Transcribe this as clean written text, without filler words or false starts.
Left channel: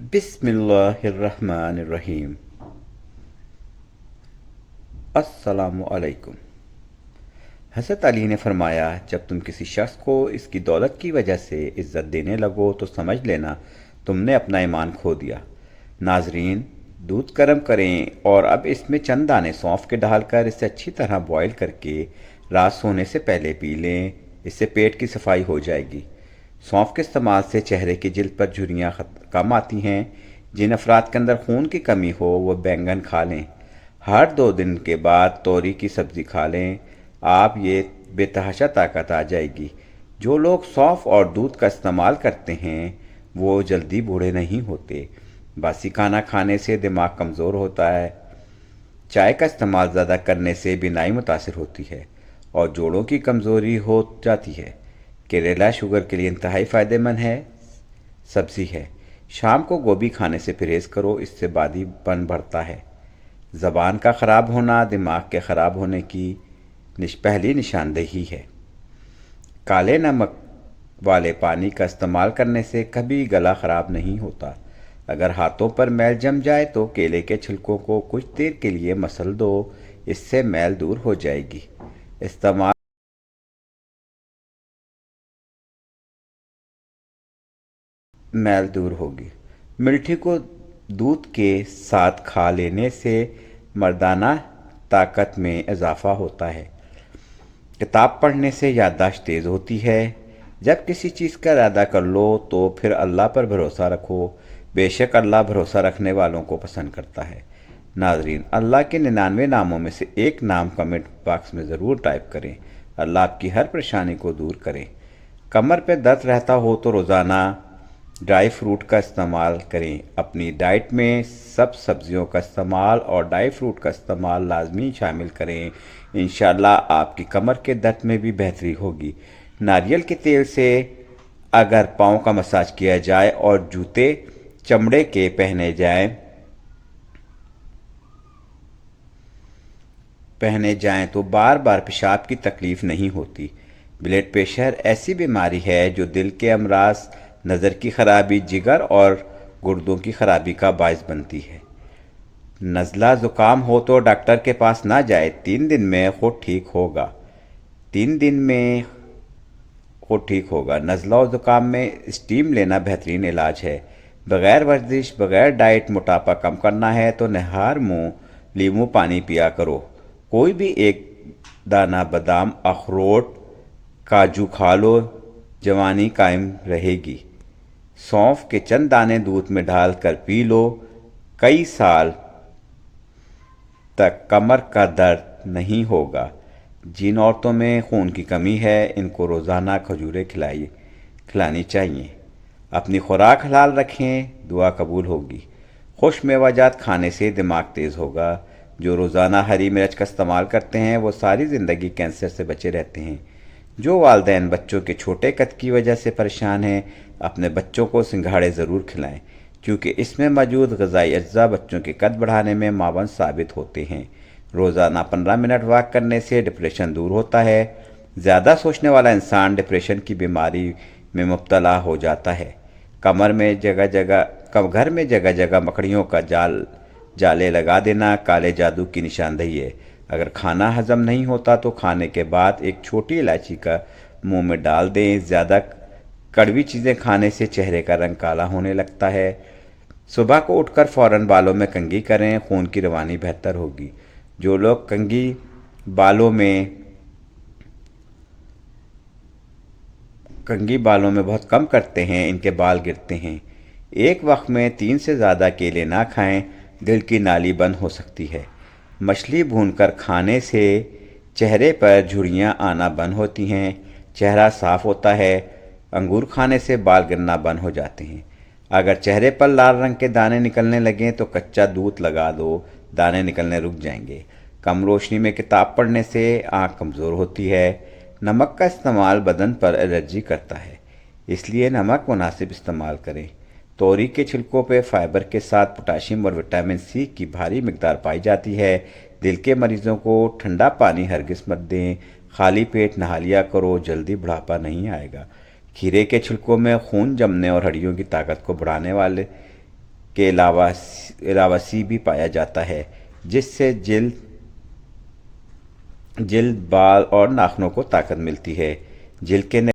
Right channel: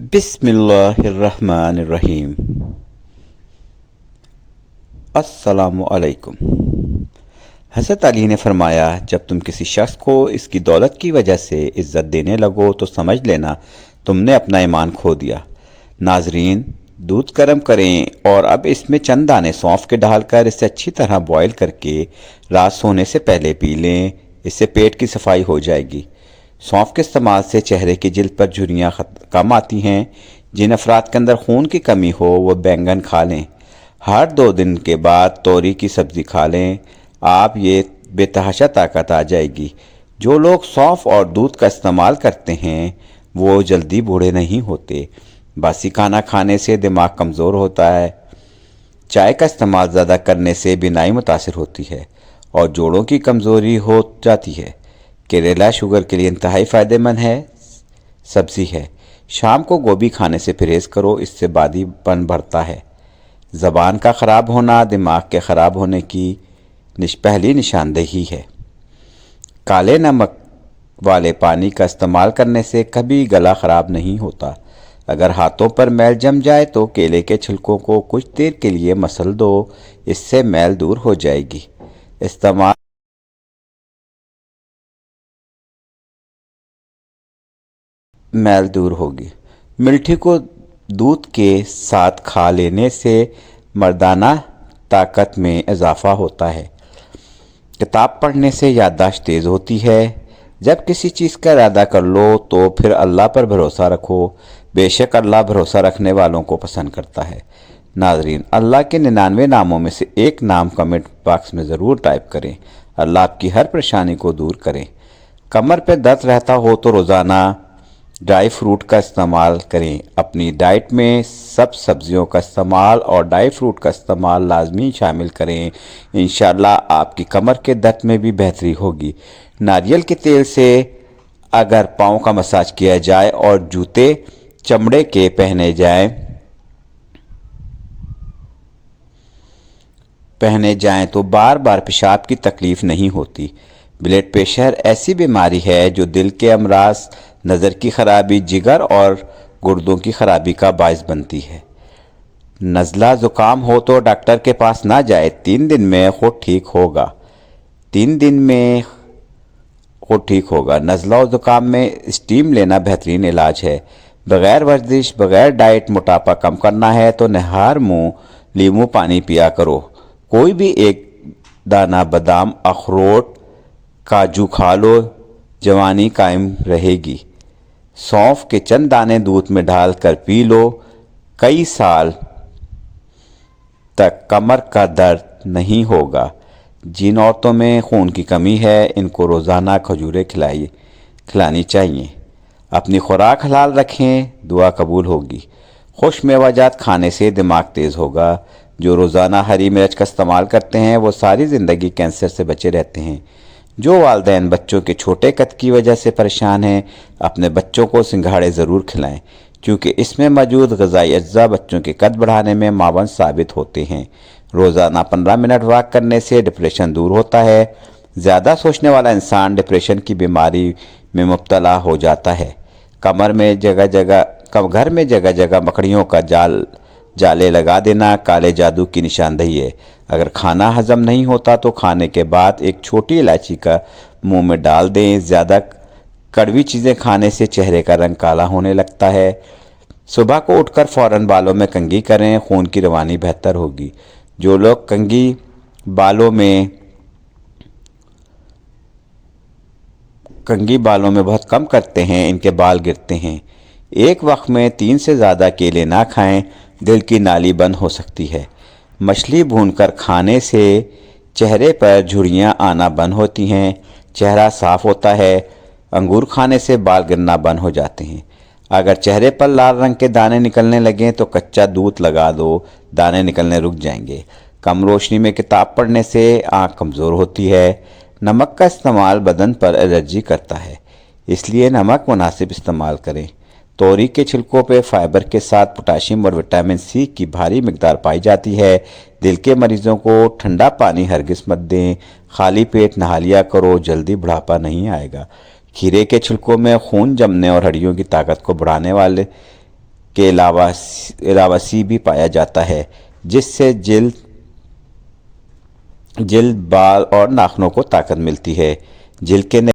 بسم اللہ الرحمن الرحیم۔ السلام علیکم۔ حضرت علی نے فرمایا، جب تم کسی شخص کو اس کی دولت کی وجہ سے عزت دینے لگو تو سمجھ لینا تم نے اپنا ایمان کھو دیا۔ ناظرین، دودھ گرم کریں اور اب اس میں چند دانے سونف کے ڈال کر اسے اچھی طرح بوائل کر کے رات سونے سے پہلے پی لیں۔ اس سے پیٹ کی صفائی ہو جائے گی۔ سونف کے استعمال سے چہرے کی جلد پر جھریاں کم آتی ہیں۔ جن افراد کے اندر خون کی کمی ہو وہ بینگن کھا لیں۔ ہر 2 دن کے بعد توری کی سبزی کھا لیں۔ آپ یہ بے تحاشا طاقت آ جائے گی۔ جو لوگ سونف اور دودھ کا استعمال کرتے ہیں وہ جلدی بوڑھے نہیں ہوتے۔ باسی کھانا کھانے سے دماغ کمزور ہوتا ہے۔ چائے کا استعمال زیادہ کرنے سے بینائی متاثر ہوتی ہے اور جوڑوں کی کمزوری ہو جاتی ہے۔ کیریلا شوگر کے لیے انتہائی فائدہ مند سبزی ہے۔ شام کو گوبھی کھانے سے پرہیز کرو، اس سے بادی پن بڑھتا ہے۔ زبان کا خراب ہونا دماغ کے خراب ہونے کی پہلی نشاندہی ہے۔ کالے نمک والے پانی کا استعمال کرنے سے کبھی گلا خراب نہیں ہوتا۔ اگر ہاتھوں پر میل جم جائے تو کیلے کے چھلکوں کو کچھ دیر کے لیے مسل دو، اس سے میل دور ہو جائے گی۔ میل دور ہوگی۔ ملٹھی کو دودھ کے ساتھ کھا لینے سے مردانہ طاقت میں اضافہ ہوتا ہے۔ کتاب پڑھنے سے یادداشت تیز ہوتی ہے۔ جب کسی چیز کا ارادہ کر لو تو پھر اللہ پر بھروسہ رکھو، بے شک اللہ بھروسہ رکھنے والوں کو پسند کرتا ہے۔ ناظرین، اللہ کے 99 ناموں میں سے ایک نام کمنٹ باکس میں ضرور ٹائپ کریں۔ اللہ آپ کی ہر پریشانی کو دور کریں۔ کمر پہ درد رہتا ہو تو روزانہ ڈرائی فروٹ کا استعمال کریں۔ اپنی ڈائٹ میں سب سبزیوں کا استعمال اور ڈرائی فروٹ کا استعمال لازمی شامل کریں۔ انشاءاللہ آپ کی کمر کے درد میں بھی بہتری ہوگی۔ ناریل کے تیل سے اگر پاؤں کا مساج کیا جائے اور جوتے چمڑے کے پہنے جائیں تو بار بار پیشاب کی تکلیف نہیں ہوتی۔ بلڈ پریشر ایسی بیماری ہے جو دل کے امراض، نظر کی خرابی، جگر اور گردوں کی خرابی کا باعث بنتی ہے۔ نزلہ زکام ہو تو ڈاکٹر کے پاس نہ جائے، 3 دن میں خود ٹھیک ہوگا۔ 3 دن میں خود ٹھیک ہوگا۔ نزلہ و زکام میں اسٹیم لینا بہترین علاج ہے۔ بغیر ورزش، بغیر ڈائٹ موٹاپا کم کرنا ہے تو نہار منہ لیموں پانی پیا کرو۔ کوئی بھی ایک دانہ بادام، اخروٹ، کاجو کھا لو، جوانی قائم رہے گی۔ سونف کے چند دانے دودھ میں ڈال کر پی لو، کئی سال تک کمر کا درد نہیں ہوگا۔ جن عورتوں میں خون کی کمی ہے ان کو روزانہ کھجوریں کھلانی چاہیے۔ اپنی خوراک حلال رکھیں، دعا قبول ہوگی۔ خوش میوہ جات کھانے سے دماغ تیز ہوگا۔ جو روزانہ ہری مرچ کا استعمال کرتے ہیں وہ ساری زندگی کینسر سے بچے رہتے ہیں۔ جو والدین بچوں کے چھوٹے قد کی وجہ سے پریشان ہیں اپنے بچوں کو سنگھاڑے ضرور کھلائیں، کیونکہ اس میں موجود غذائی اجزاء بچوں کے قد بڑھانے میں معاون ثابت ہوتے ہیں۔ روزانہ 15 منٹ واک کرنے سے ڈپریشن دور ہوتا ہے۔ زیادہ سوچنے والا انسان ڈپریشن کی بیماری میں مبتلا ہو جاتا ہے۔ گھر میں جگہ جگہ مکڑیوں کا جالے لگا دینا کالے جادو کی نشاندہی ہے۔ اگر کھانا ہضم نہیں ہوتا تو کھانے کے بعد ایک چھوٹی الائچی کا منہ میں ڈال دیں۔ زیادہ کڑوی چیزیں کھانے سے چہرے کا رنگ کالا ہونے لگتا ہے۔ صبح کو اٹھ کر فوراً بالوں میں کنگھی کریں، خون کی روانی بہتر ہوگی۔ جو لوگ کنگھی بالوں میں بہت کم کرتے ہیں ان کے بال گرتے ہیں۔ ایک وقت میں 3 سے زیادہ کیلے نہ کھائیں، دل کی نالی بند ہو سکتی ہے۔ مچھلی بھون کر کھانے سے چہرے پر جھریاں آنا بند ہوتی ہیں، چہرہ صاف ہوتا ہے۔ انگور کھانے سے بال گرنا بند ہو جاتے ہیں۔ اگر چہرے پر لال رنگ کے دانے نکلنے لگیں تو کچا دودھ لگا دو، دانے نکلنے رک جائیں گے۔ کم روشنی میں کتاب پڑھنے سے آنکھ کمزور ہوتی ہے۔ نمک کا استعمال بدن پر الرجی کرتا ہے، اس لیے نمک مناسب استعمال کریں۔ توری کے چھلکوں پہ فائبر کے ساتھ پوٹاشیم اور وٹامن سی کی بھاری مقدار پائی جاتی ہے۔ دل کے مریضوں کو ٹھنڈا پانی ہرگز مت دیں، خالی پیٹ نہا لیا کرو، جلدی بڑھاپا نہیں آئے گا۔ کھیرے کے چھلکوں میں خون جمنے اور ہڈیوں کی طاقت کو بڑھانے کے علاوہ سی بھی پایا جاتا ہے، جس سے جلد، بال اور ناخنوں کو طاقت ملتی ہے۔ جلد کے